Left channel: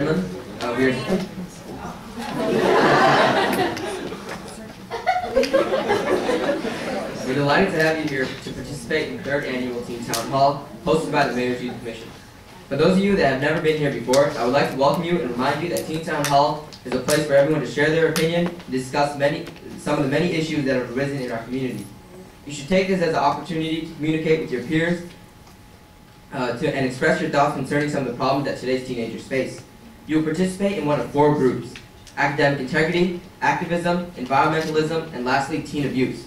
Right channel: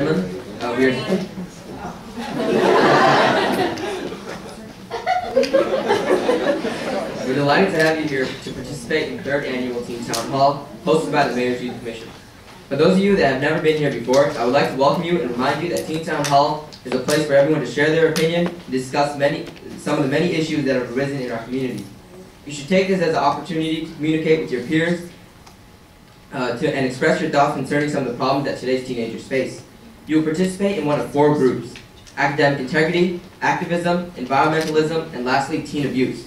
We're delighted to have you here to participate in the 3rd Annual Teen Town Hall, hosted by the Mayor's Youth Commission. For those of you that have never been here before, I would like to welcome you and remind you that Teen Town Hall is a place for everyone to share their opinion and discuss some of the many issues that have arisen in our community. You should take this as an opportunity to communicate with your peers and express your thoughts concerning some of the problems that today's teenagers face. You will participate in one of 4 groups: academic integrity, activism, environmentalism, and lastly, teen abuse.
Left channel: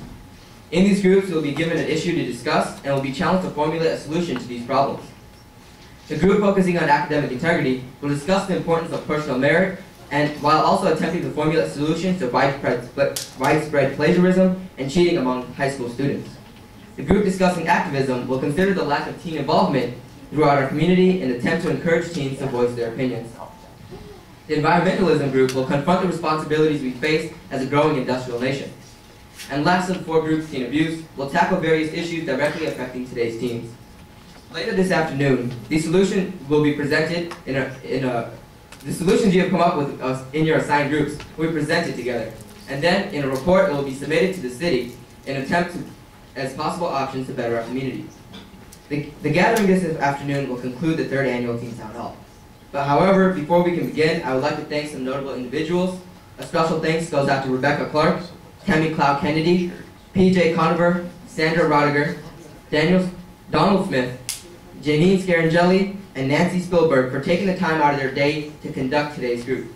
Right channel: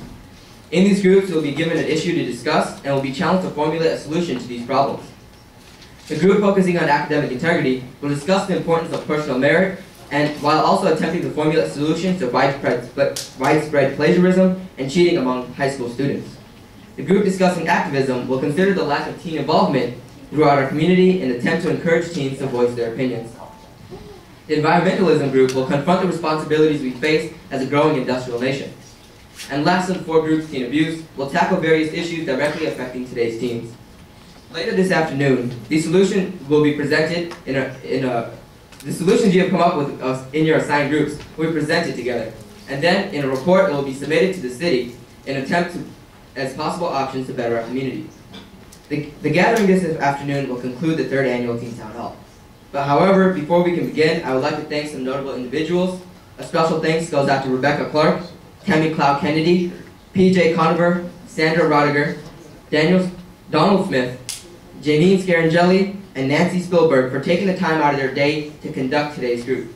In these groups, you will be given an issue to discuss and will be challenged to formulate a solution to these problems. The group focusing on academic integrity will discuss the importance of personal merit, and while also attempting to formulate solutions to widespread plagiarism and cheating among high school students. The group discussing activism will consider the lack of teen involvement throughout our community and attempt to encourage teens to voice their opinions. The environmentalism group will confront the responsibilities we face as a growing industrial nation. And last of the 4 groups, teen abuse, will tackle various issues directly affecting today's teens. Later this afternoon, the solution will be presented the solutions you have come up with in your assigned groups will be presented together. And then, in a report, it will be submitted to the city in an attempt as possible options to better our community. The gathering this afternoon will conclude the 3rd Annual Teen Town Hall. But however, before we can begin, I would like to thank some notable individuals. A special thanks goes out to Rebecca Clark, Tammy Cloud Kennedy, PJ Conover, Sandra Rodiger, Donald Smith, Janine Scarangelli, and Nancy Spielberg for taking the time out of their day to conduct today's group.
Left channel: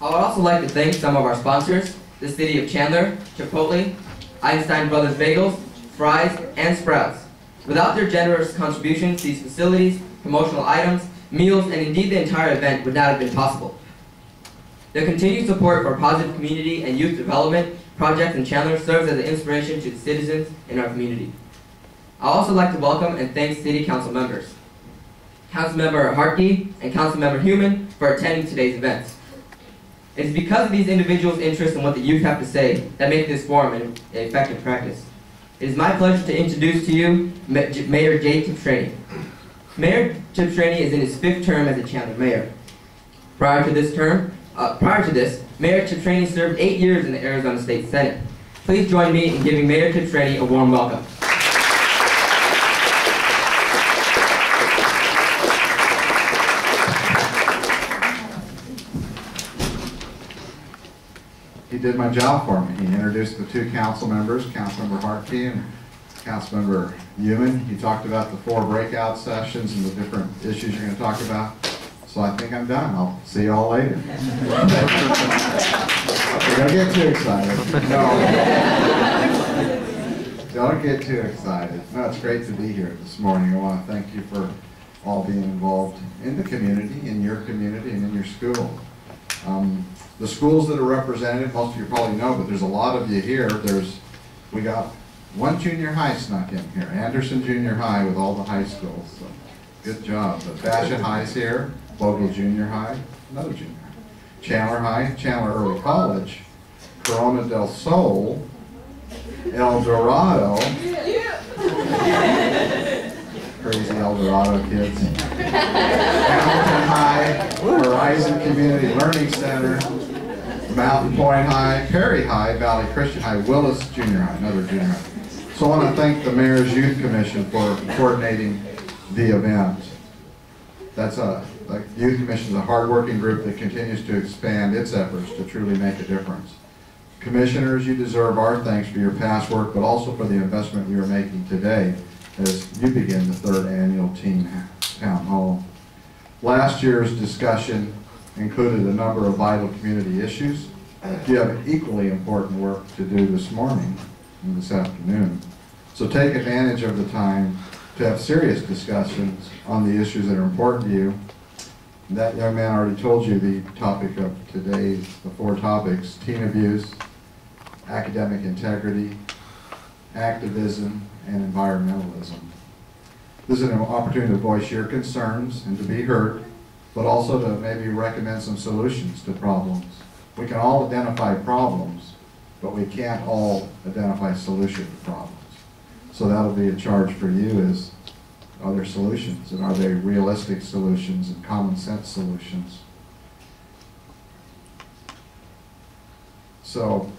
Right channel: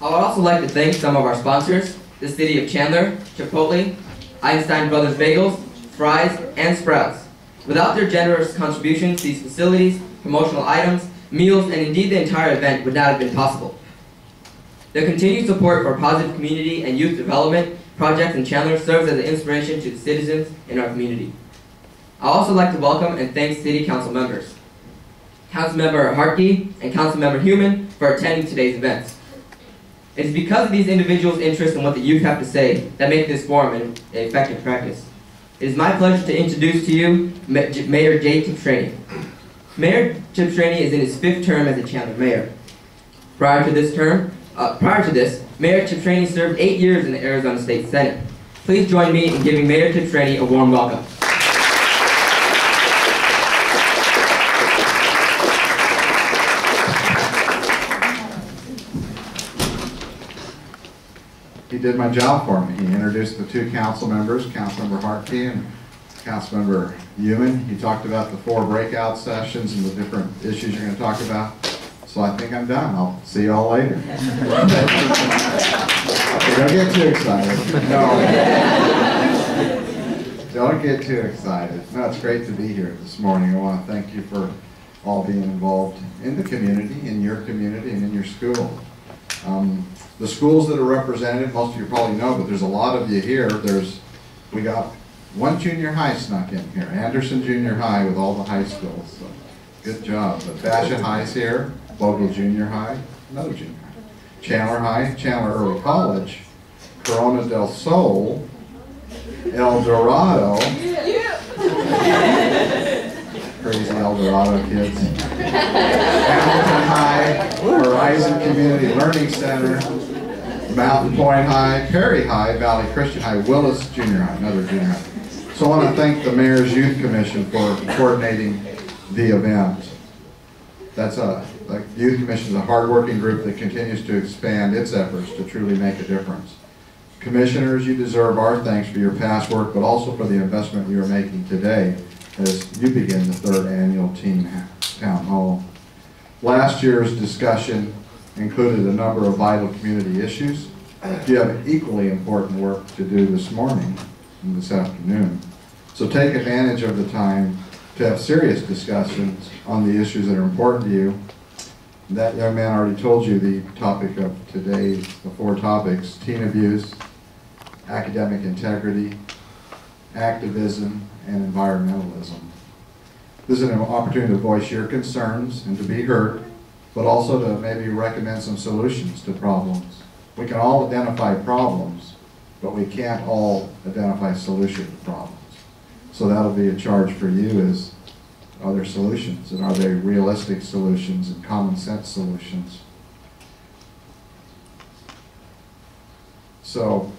I would also like to thank some of our sponsors: the City of Chandler, Chipotle, Einstein Brothers Bagels, Fry's, and Sprouts. Without their generous contributions, these facilities, promotional items, meals, and indeed the entire event would not have been possible. Their continued support for positive community and youth development projects in Chandler serves as an inspiration to the citizens in our community. I'd also like to welcome and thank City Council members, Councilmember Hartke and Councilmember Human, for attending today's events. It is because of these individuals' interest in what the youth have to say that make this forum an effective practice. It is my pleasure to introduce to you Mayor Jay Tibshraeny. Mayor Tibshraeny is in his 5th term as a Chandler mayor. Prior to this, Mayor Tibshraeny served 8 years in the Arizona State Senate. Please join me in giving Mayor Tibshraeny a warm welcome. He did my job for me. He introduced the 2 council members, Councilmember Hartke and Councilmember Human. He talked about the 4 breakout sessions and the different issues you're going to talk about. So I think I'm done. I'll see you all later. Don't get too excited. No. Don't get too excited. No, it's great to be here this morning. I want to thank you for all being involved in the community, in your community, and in your school. The schools that are represented, most of you probably know, but there's a lot of you here. We got 1 junior high snuck in here, Anderson Junior High with all the high schools. So good job. But Bassett High's here, Bogle Junior High, another junior high. Chandler High, Chandler Early College, Corona del Sol, El Dorado, crazy El Dorado kids, Hamilton High, Horizon Community Learning Center, Mountain Point High, Perry High, Valley Christian High, Willis Junior High, another junior high. So I want to thank the Mayor's Youth Commission for coordinating the event. The Youth Commission is a hard-working group that continues to expand its efforts to truly make a difference. Commissioners, you deserve our thanks for your past work, but also for the investment you are making today as you begin the 3rd Annual Teen Town Hall. Last year's discussion included a number of vital community issues. You have equally important work to do this morning and this afternoon. So take advantage of the time to have serious discussions on the issues that are important to you. That young man already told you the topic of today, the 4 topics: teen abuse, academic integrity, activism, and environmentalism. This is an opportunity to voice your concerns and to be heard, but also to maybe recommend some solutions to problems. We can all identify problems, but we can't all identify solutions to problems. So that'll be a charge for you is, are there solutions, and are they realistic solutions and common sense solutions? So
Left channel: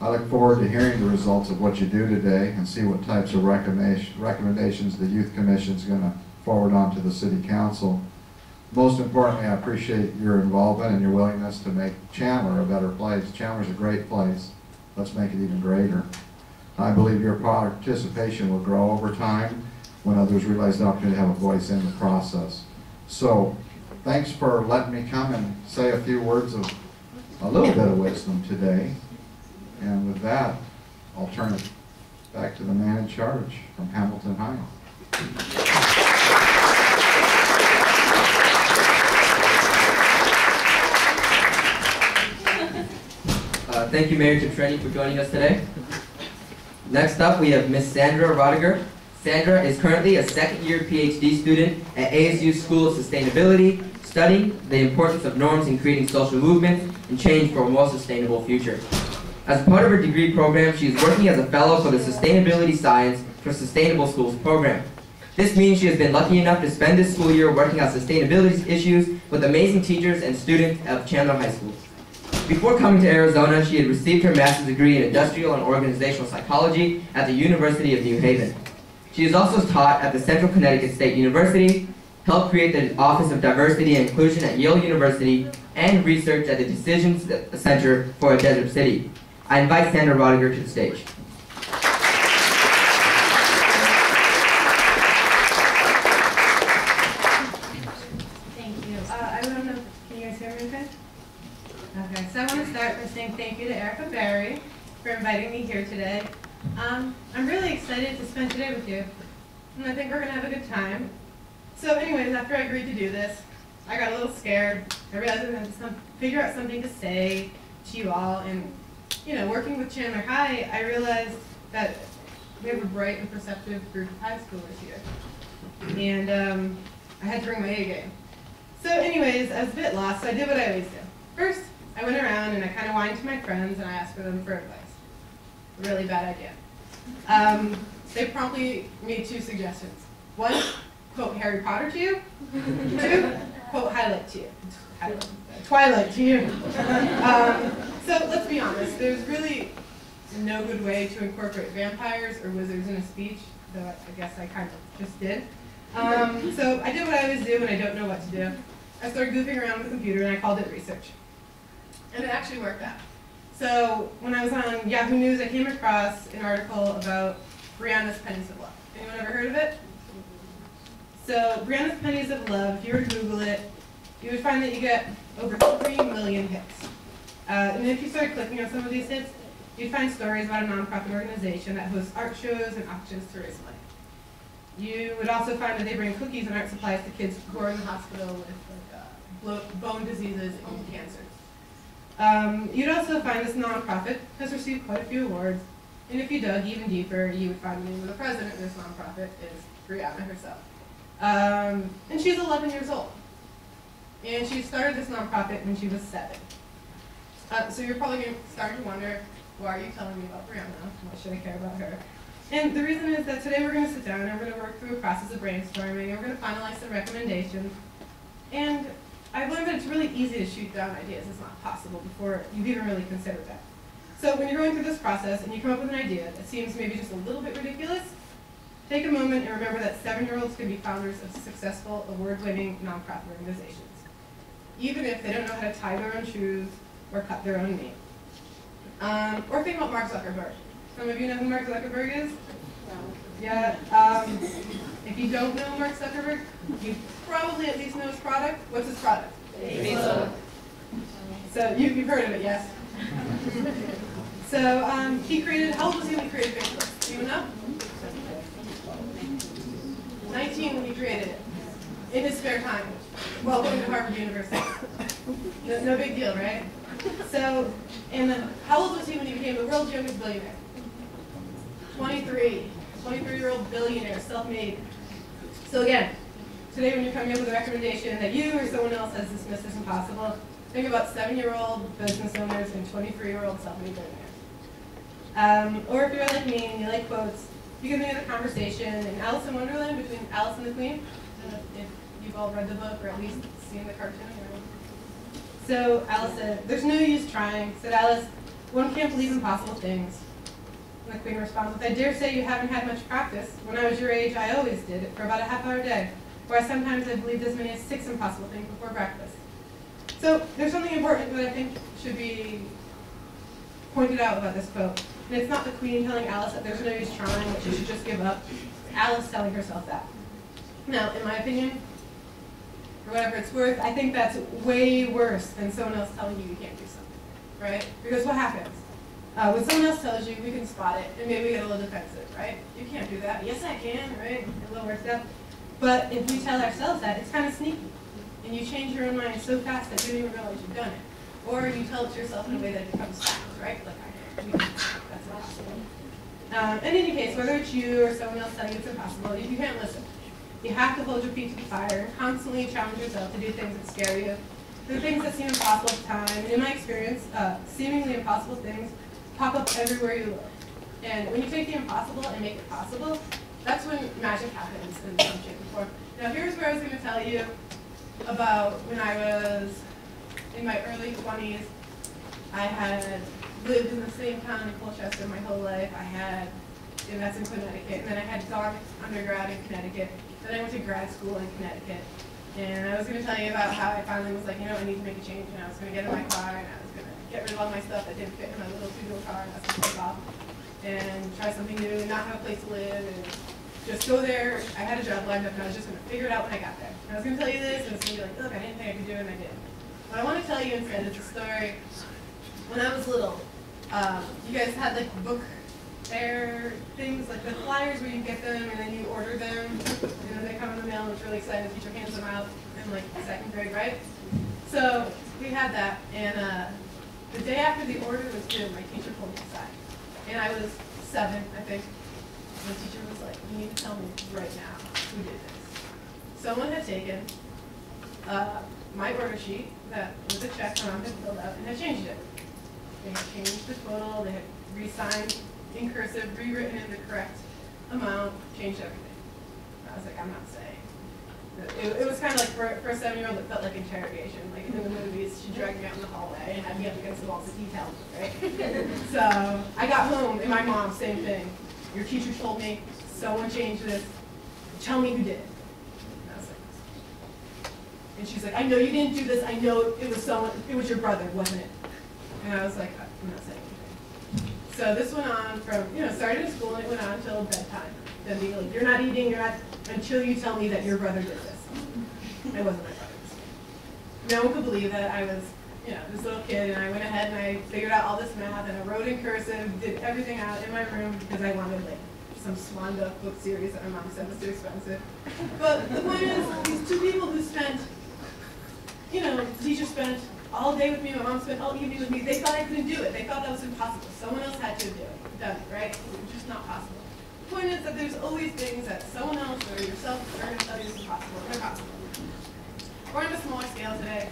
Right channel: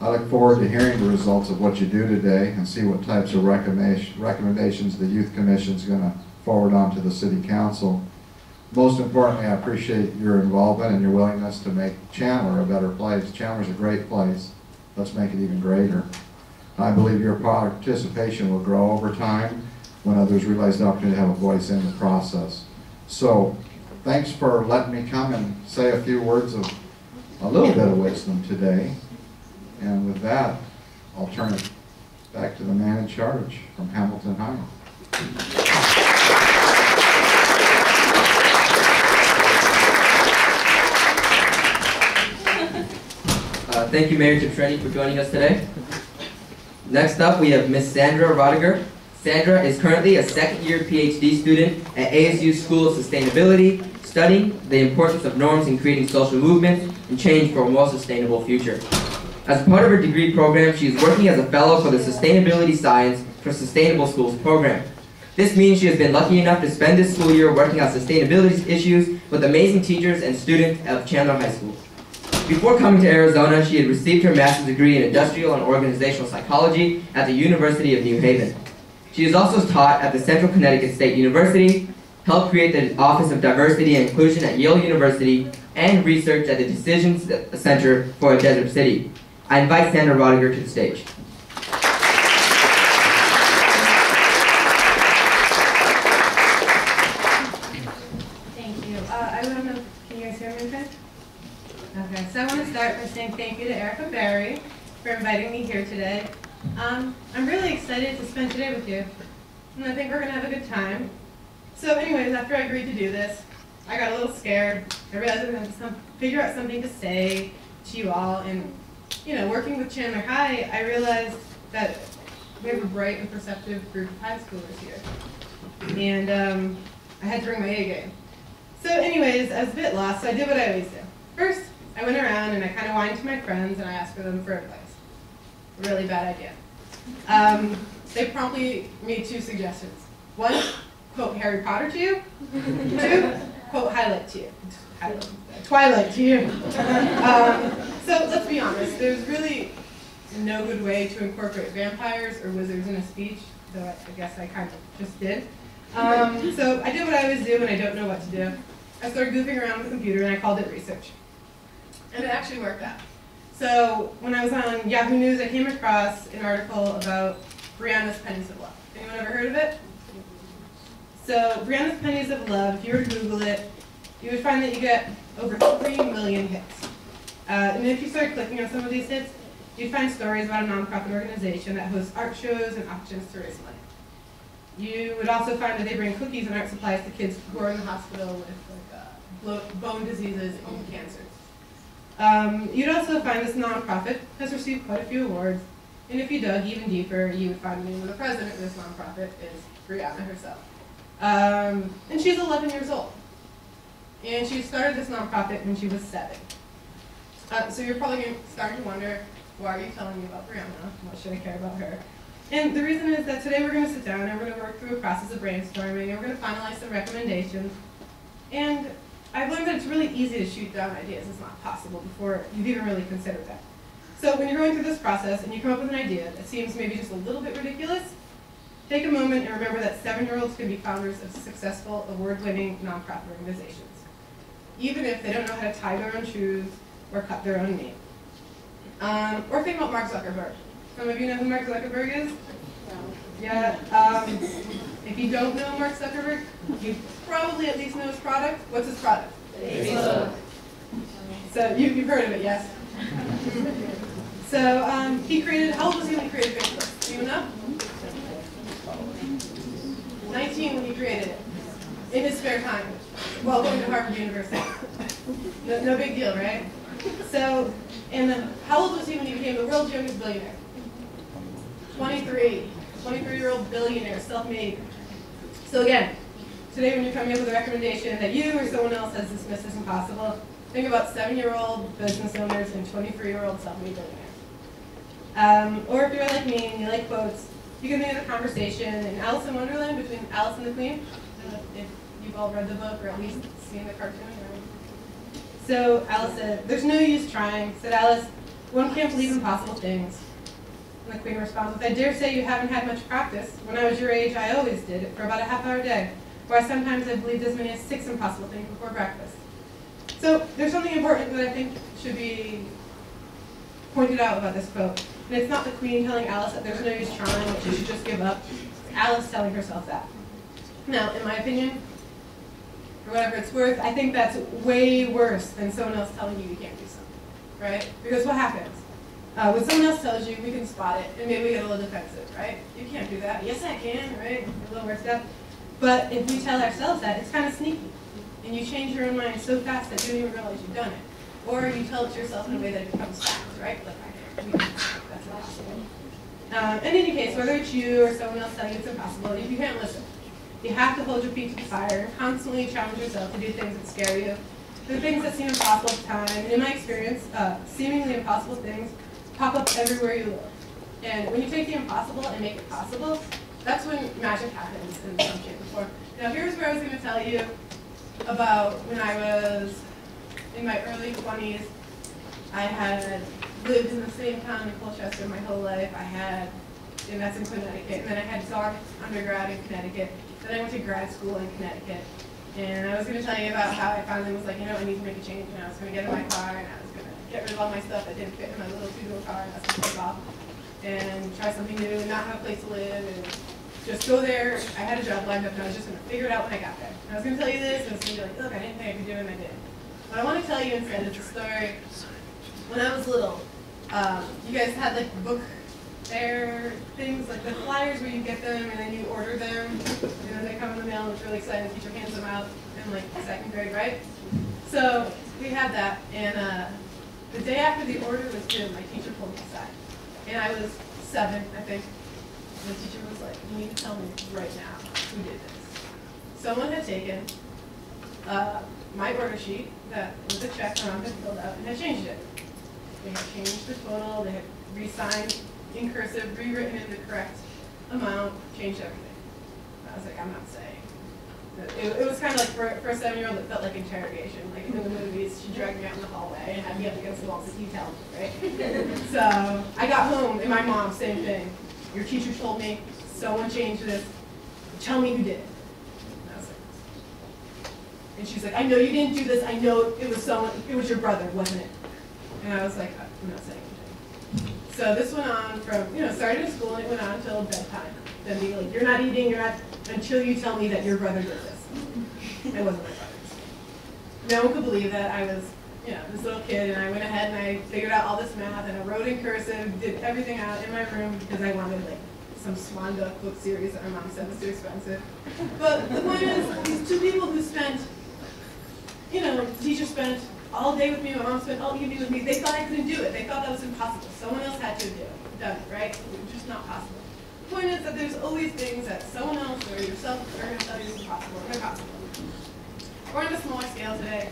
I look forward to hearing the results of what you do today and see what types of recommendations the Youth Commission is going to forward on to the City Council. Most importantly, I appreciate your involvement and your willingness to make Chandler a better place. Chandler's a great place. Let's make it even greater. I believe your participation will grow over time when others realize the opportunity to have a voice in the process. So, thanks for letting me come and say a few words of a little bit of wisdom today. And with that, I'll turn it back to the man in charge from Hamilton High. Thank you, Mayor Cipriani, for joining us today. Next up, we have Miss Sandra Rodiger. Sandra is currently a second-year PhD student at ASU School of Sustainability, studying the importance of norms in creating social movements and change for a more sustainable future. As part of her degree program, she is working as a fellow for the Sustainability Science for Sustainable Schools program. This means she has been lucky enough to spend this school year working on sustainability issues with amazing teachers and students at Chandler High School. Before coming to Arizona, she had received her master's degree in industrial and organizational psychology at the University of New Haven. She is also taught at the Central Connecticut State University, helped create the Office of Diversity and Inclusion at Yale University, and researched at the Decisions Center for a Desert City. I invite Sandra Rodiger to the stage. Thank you. I don't know, can you guys hear me okay? Okay, so I want to start by saying thank you to Erica Berry for inviting me here today. I'm really excited to spend today with you, and I think we're going to have a good time. So anyways, after I agreed to do this, I got a little scared. I realized I was going to have to figure out something to say to you all, and you know, working with Chandler High, I realized that we have a bright and perceptive group of high schoolers here. And I had to bring my A game. So anyways, I was a bit lost, so I did what I always do. First, I went around and I kind of whined to my friends and I asked for them for advice. Really bad idea. They promptly made two suggestions. One, quote Harry Potter to you. Two, quote Twilight to you. So let's be honest, there's really no good way to incorporate vampires or wizards in a speech, though I guess I kind of just did. So I did what I always do when I don't know what to do. I started goofing around with the computer and I called it research. And it actually worked out. So when I was on Yahoo News, I came across an article about Brianna's Pennies of Love. Anyone ever heard of it? So Brianna's Pennies of Love, if you were to Google it, you would find that you get over 3 million hits. And if you started clicking on some of these hits, you'd find stories about a nonprofit organization that hosts art shows and auctions to raise money. You would also find that they bring cookies and art supplies to kids who are in the hospital with bone diseases and cancers. You'd also find this nonprofit has received quite a few awards, and if you dug even deeper, you would find the name of the president of this nonprofit is Brianna herself. And she's 11 years old. And she started this nonprofit when she was 7. So you're probably starting to wonder, why are you telling me about Brianna? What should I care about her? And the reason is that today we're going to sit down and we're going to work through a process of brainstorming, and we're going to finalize some recommendations. And I've learned that it's really easy to shoot down ideas. It's not possible before you've even really considered that. So when you're going through this process and you come up with an idea that seems maybe just a little bit ridiculous, take a moment and remember that 7-year-olds can be founders of successful, award-winning nonprofit organizations, even if they don't know how to tie their own shoes or cut their own meat. Or think about Mark Zuckerberg. Some of you know who Mark Zuckerberg is? Yeah. If you don't know Mark Zuckerberg, you probably at least know his product. What's his product? Facebook. So you've heard of it, yes? So he created, how old was he when he created Facebook? Do you know? 19 when he created it. In his spare time, while going to Harvard University. No big deal, right? So, and then how old was he when he became the world's youngest billionaire? 23. 23-year-old billionaire, self-made. So again, today when you're coming up with a recommendation that you or someone else has dismissed as impossible, think about 7-year-old business owners and 23-year-old self-made billionaires. Or if you're like me and you like quotes, you can think of the conversation in Alice in Wonderland between Alice and the Queen. I don't know if you've all read the book or at least seen the cartoon. So Alice said, "There's no use trying," said Alice. "One can't believe impossible things." And the Queen responds with, "I dare say you haven't had much practice. When I was your age, I always did it for about a half-hour a day, where sometimes I believed as many as 6 impossible things before breakfast." So there's something important that I think should be pointed out about this quote. And it's not the Queen telling Alice that there's no use trying, that she should just give up. It's Alice telling herself that. Now, in my opinion, for whatever it's worth, I think that's way worse than someone else telling you you can't do something, right? Because what happens? When someone else tells you, we can spot it, and maybe we get a little defensive, right? You can't do that. Yes, I can, right? A little worked up. But if we tell ourselves that, it's kind of sneaky. And you change your own mind so fast that you don't even realize you've done it. Or you tell it to yourself in a way that it becomes fact, right? Like I did. That's impossible. In any case, whether it's you or someone else telling you it's impossible, you can't listen. You have to hold your feet to the fire, constantly challenge yourself to do things that scare you. The things that seem impossible at the time, and in my experience, seemingly impossible things pop up everywhere you look. And when you take the impossible and make it possible, that's when magic happens in some shape or form. Now here's where I was going to tell you about when I was in my early 20s. I had lived in the same town in Colchester my whole life. And that's in Connecticut. And then I had gone undergrad in Connecticut. Then I went to grad school in Connecticut. And I was going to tell you about how I finally was like, you know, I need to make a change. And I was going to get in my car and I was going to get rid of all my stuff that didn't fit in my little two-door car and that's going to take off. And try something new and not have a place to live and just go there. I had a job lined up and I was just going to figure it out when I got there. And I was going to tell you this and it's going to be like, look, I didn't think I could do it and I did. What I want to tell you instead is a story. When I was little, you guys had like book fair things, like the flyers where you get them and then you order them and then they come in the mail and it's really exciting. The teacher hands them out in like 2nd grade, right? So we had that and the day after the order was due, my teacher pulled me aside. And I was 7, I think. And the teacher was like, you need to tell me right now who did this. Someone had taken my order sheet that was a check that I had filled out and had changed it. They had changed the total, they had re-signed in cursive, rewritten in the correct amount, changed everything. I was like, I'm not saying. It was kind of like, for a 7-year-old, it felt like interrogation. Like in the movies, she dragged me out in the hallway and had me up against the wall, so you tell me, right? So I got home, and my mom, same thing. Your teacher told me, someone changed this. Tell me who did it. And I was like, and she's like, I know you didn't do this. I know it was someone, it was your brother, wasn't it? And I was like, I'm not saying anything. So this went on from, started in school and it went on until bedtime. Then being like, you're not eating, until you tell me that your brother did this. It wasn't my brother's. No one could believe that I was, this little kid, and I went ahead and I figured out all this math and I wrote in cursive, did everything out in my room because I wanted like some Swan Duck book series that my mom said was too expensive. But the point is, these two people who spent, the teacher spent all day with me, my mom spent all evening with me, they thought I couldn't do it. They thought that was impossible. Someone else had to have done it, right? It was just not possible. The point is that there's always things that someone else or yourself are going to tell you is impossible. They're possible. We're on a smaller scale today.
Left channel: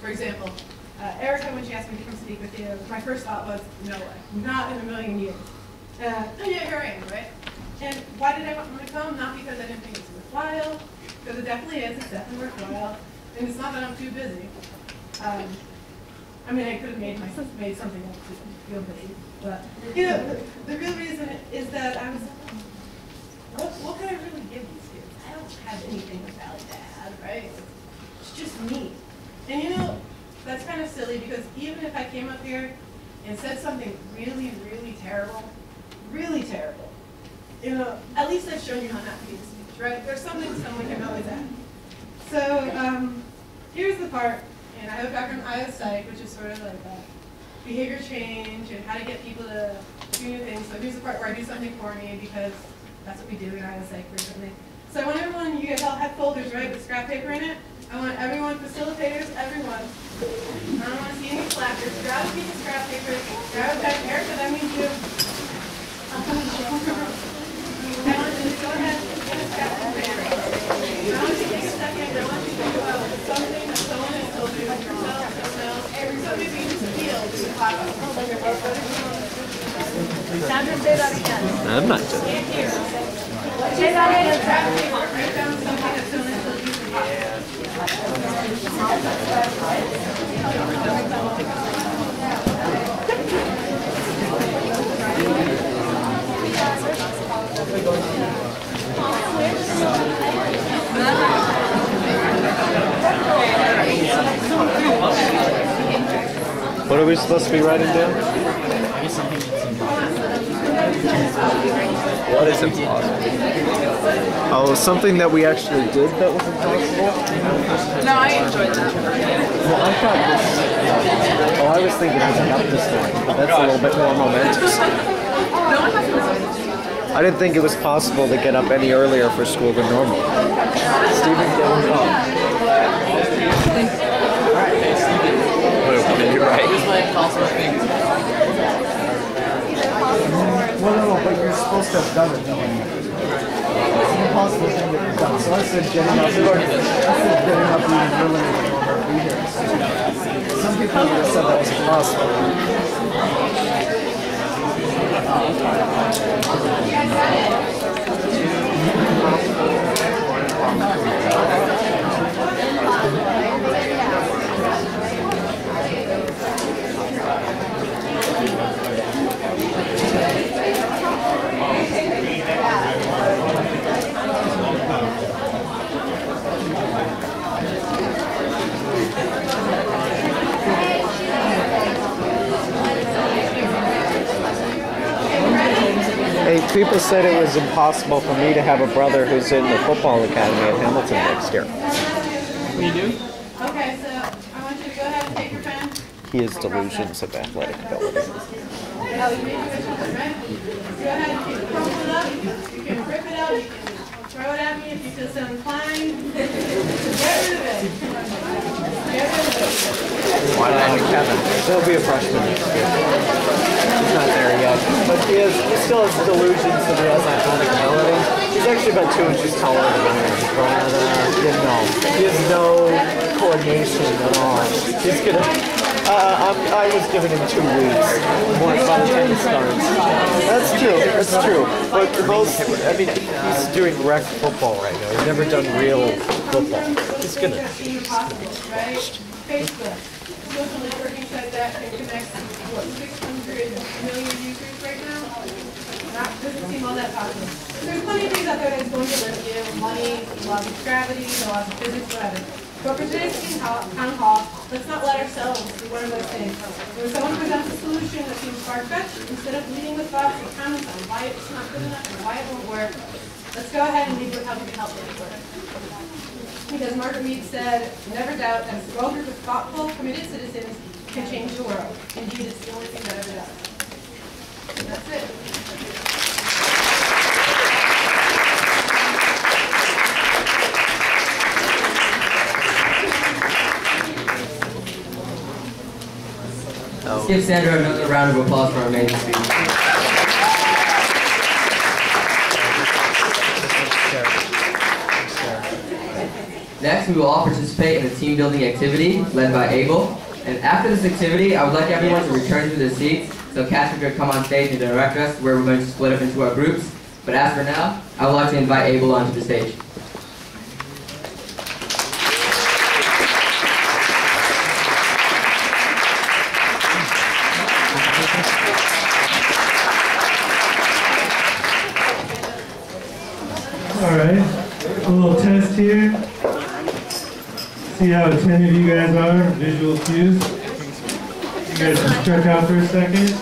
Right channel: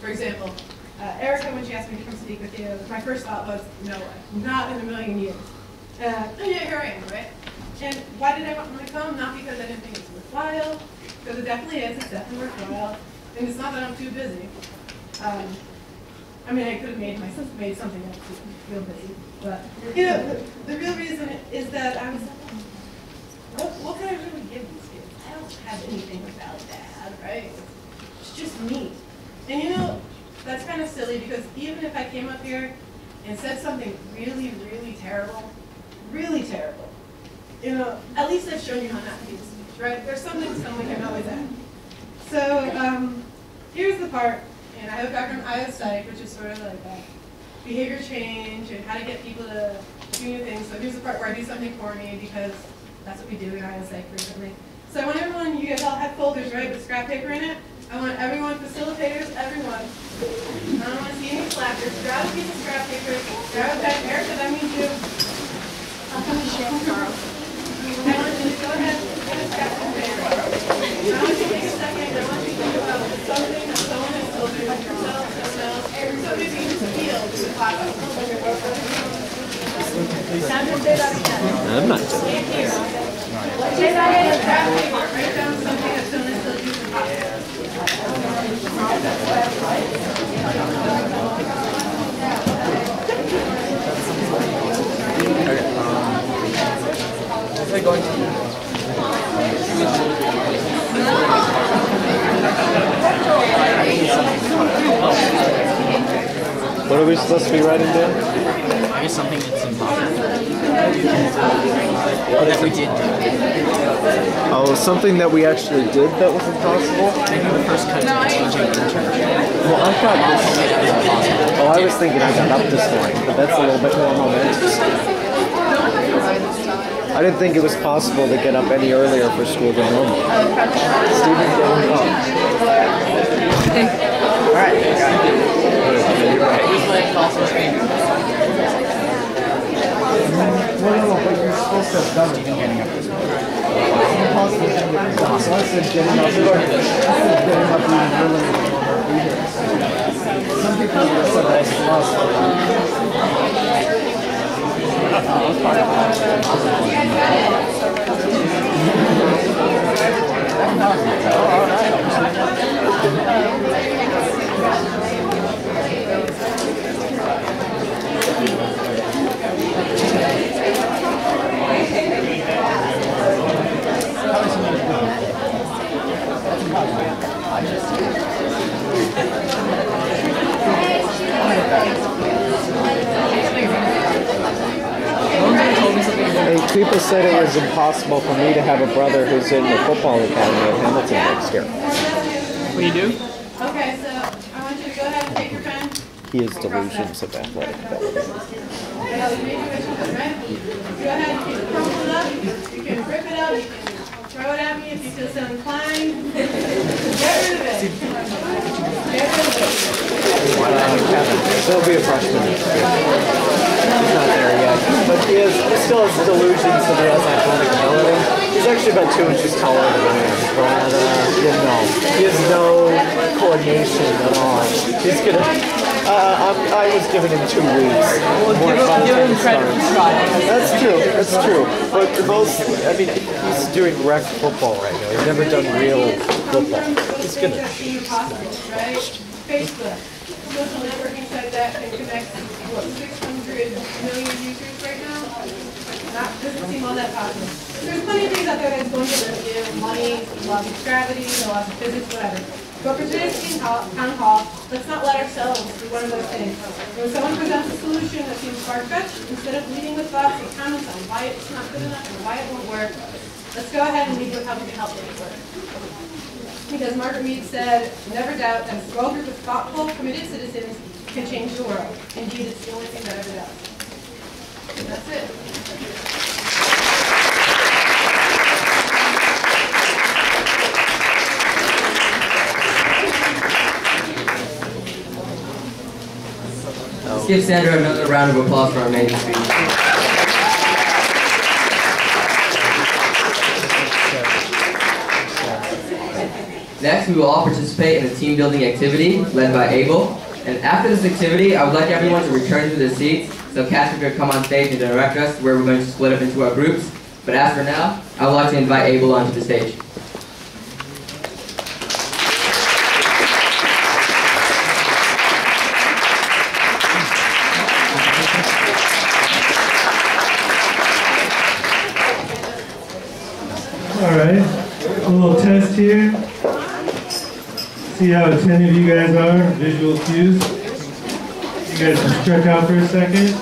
For example, Erica, when she asked me to come speak with you, my first thought was, no way, not in a million years. And yeah, here I am, right? And why did I want to come? Not because I didn't think it was worthwhile, because it definitely is, it's definitely worthwhile. And it's not that I'm too busy. I could have made something else to feel busy. But, the real reason is that I was like, what can I really give these kids? I don't have anything valid to add, right? It's just me. And that's kind of silly because even if I came up here and said something really, really terrible, at least I've shown you how not to give a speech, right? There's something someone can always add. So here's the part, and I have a background in IO Psych, which is sort of like behavior change and how to get people to do new things. So here's the part where I do something for me because that's what we do in IO Psych frequently. So I want everyone, you guys all have folders, right, with scrap paper in it. I want everyone, facilitators, everyone. I don't want to see any slackers. Grab a piece of scrap paper, grab a pen. Erica, that means you. I want you to go ahead and get a scrap paper. I want you to take a second. I want you to think about something that someone has told you about yourself, themselves. So maybe you just feel the clock. Sandra, say that again. I'm not doing it. Say that again. Write down something as soon as they'll use the What are we supposed to be writing down? I guess something that's impossible. What is it? Oh, something that we actually did that was impossible? No, I enjoyed it. Well, I thought this... Oh, I was thinking I got up this morning, but that's a little bit more momentous. I didn't think it was possible to get up any earlier for school than normal. Stephen, Well, no, but you're supposed to have done it getting up. It's impossible to get it done. So I said getting up eating really some people would have said that was impossible. Hey, people said it was impossible for me to have a brother who's in the football academy at Hamilton next year. What do you do? Okay, so I want you to go ahead and take your pen. He has delusions of athletic ability. Go ahead and keep it crumpled up. You can rip it out. You can throw it at me if you feel so inclined. Get rid of it. Get rid of it. Kevin, he'll be a freshman next year. He's not there yet, but he still has delusions that he has athletic ability. He's actually about 2 inches taller than me, but he has no coordination at all. He's gonna. I was giving him 2 weeks more by the time he starts. That's true. That's true. But I mean, he's doing rec football right now. He's never done real football. He's gonna. Right? Facebook. Social networking site that can connect, what, 600 million users right now? Doesn't seem all that possible. There's plenty of things out there that's going to limit you, money, laws of gravity, the laws of physics, whatever. But for today's town hall, let's not let ourselves do one of those things. When someone presents a solution that seems far-fetched, instead of leading with thoughts and comments on why it's not good enough and why it won't work, let's go ahead and lead with how we can help it work. Because Margaret Mead said, never doubt that a small group of thoughtful, committed citizens can change the world. Indeed, it's the only thing that ever does. And that's it. Let's give Sandra another round of applause for our amazing speech. Next, we will all participate in a team building activity led by Abel. And after this activity, I would like everyone to return to their seats so Casper could come on stage and direct us where we're going to split up into our groups. But as for now, I would like to invite Abel onto the stage. All right, a little test here. See how attentive you guys are, visual cues. You guys can stretch out for a second.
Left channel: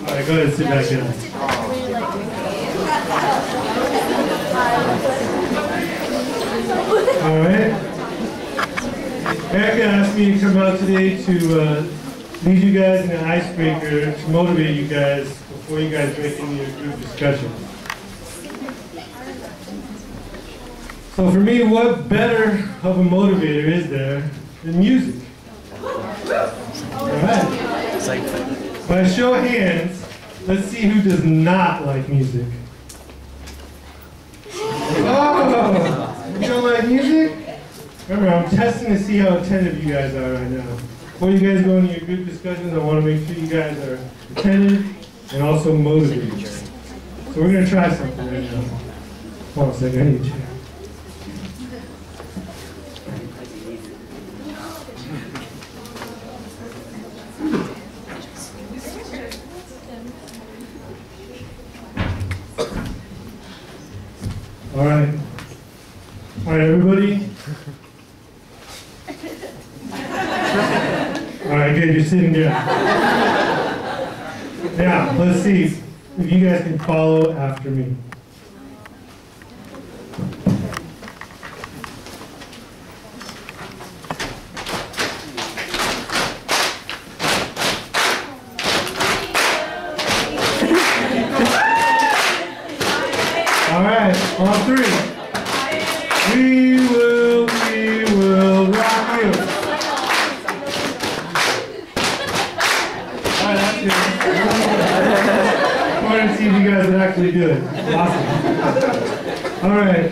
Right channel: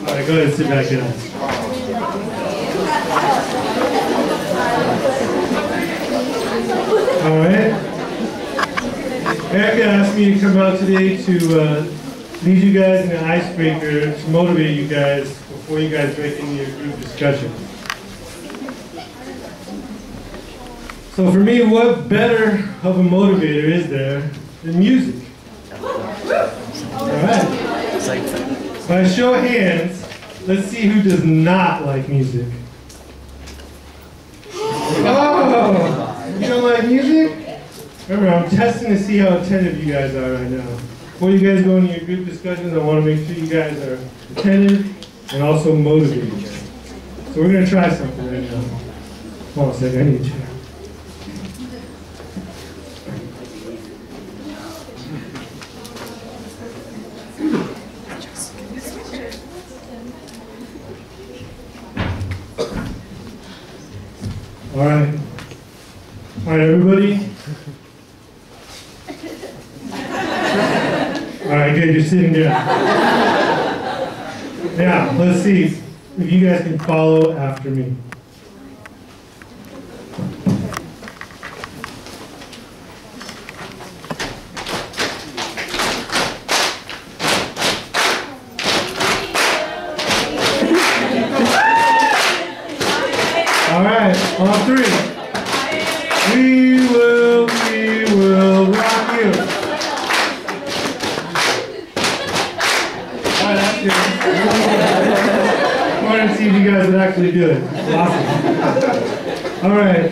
All right, go ahead and sit back down. All right. Erica asked me to come out today to lead you guys in an icebreaker to motivate you guys before you guys break into your group discussion. So for me, what better of a motivator is there than music? All right. By a show of hands, let's see who does not like music. Oh, you don't like music? Remember, I'm testing to see how attentive you guys are right now. before you guys go into your group discussions, I want to make sure you guys are attentive and also motivated. So we're going to try something right now. Hold on a second, I need a chair. All right, everybody. All right, good, you're sitting down. Now, let's see if you guys can follow after me. All right, on three. We will rock you. All right, that's good. I wanted to see if you guys would actually do it. Awesome. All right,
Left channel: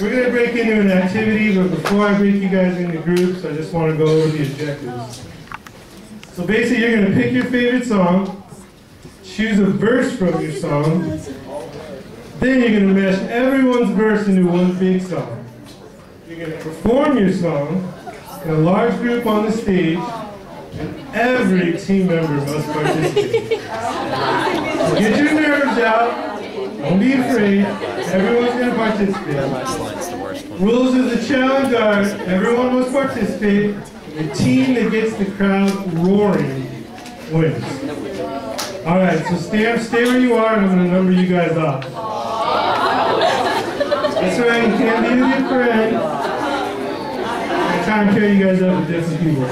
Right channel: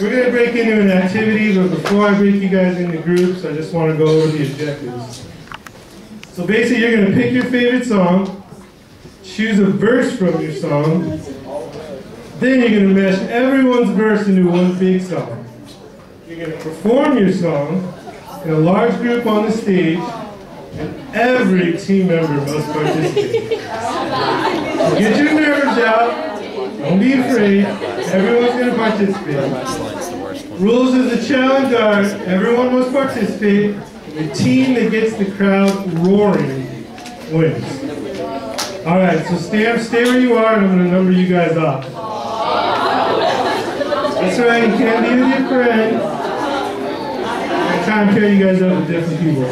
we're going to break into an activity, but before I break you guys into groups, I just want to go over the objectives. So basically, you're going to pick your favorite song, choose a verse from your song, then you're going to mesh everyone's verse into one big song. You're going to perform your song in a large group on the stage, and every team member must participate. So get your nerves out. Don't be afraid. Everyone's going to participate. Rules of the challenge are everyone must participate. The team that gets the crowd roaring wins. All right, so stay where you are, and I'm going to number you guys off. That's right, you can't be with your friend. I'm trying to pair you guys up with different people.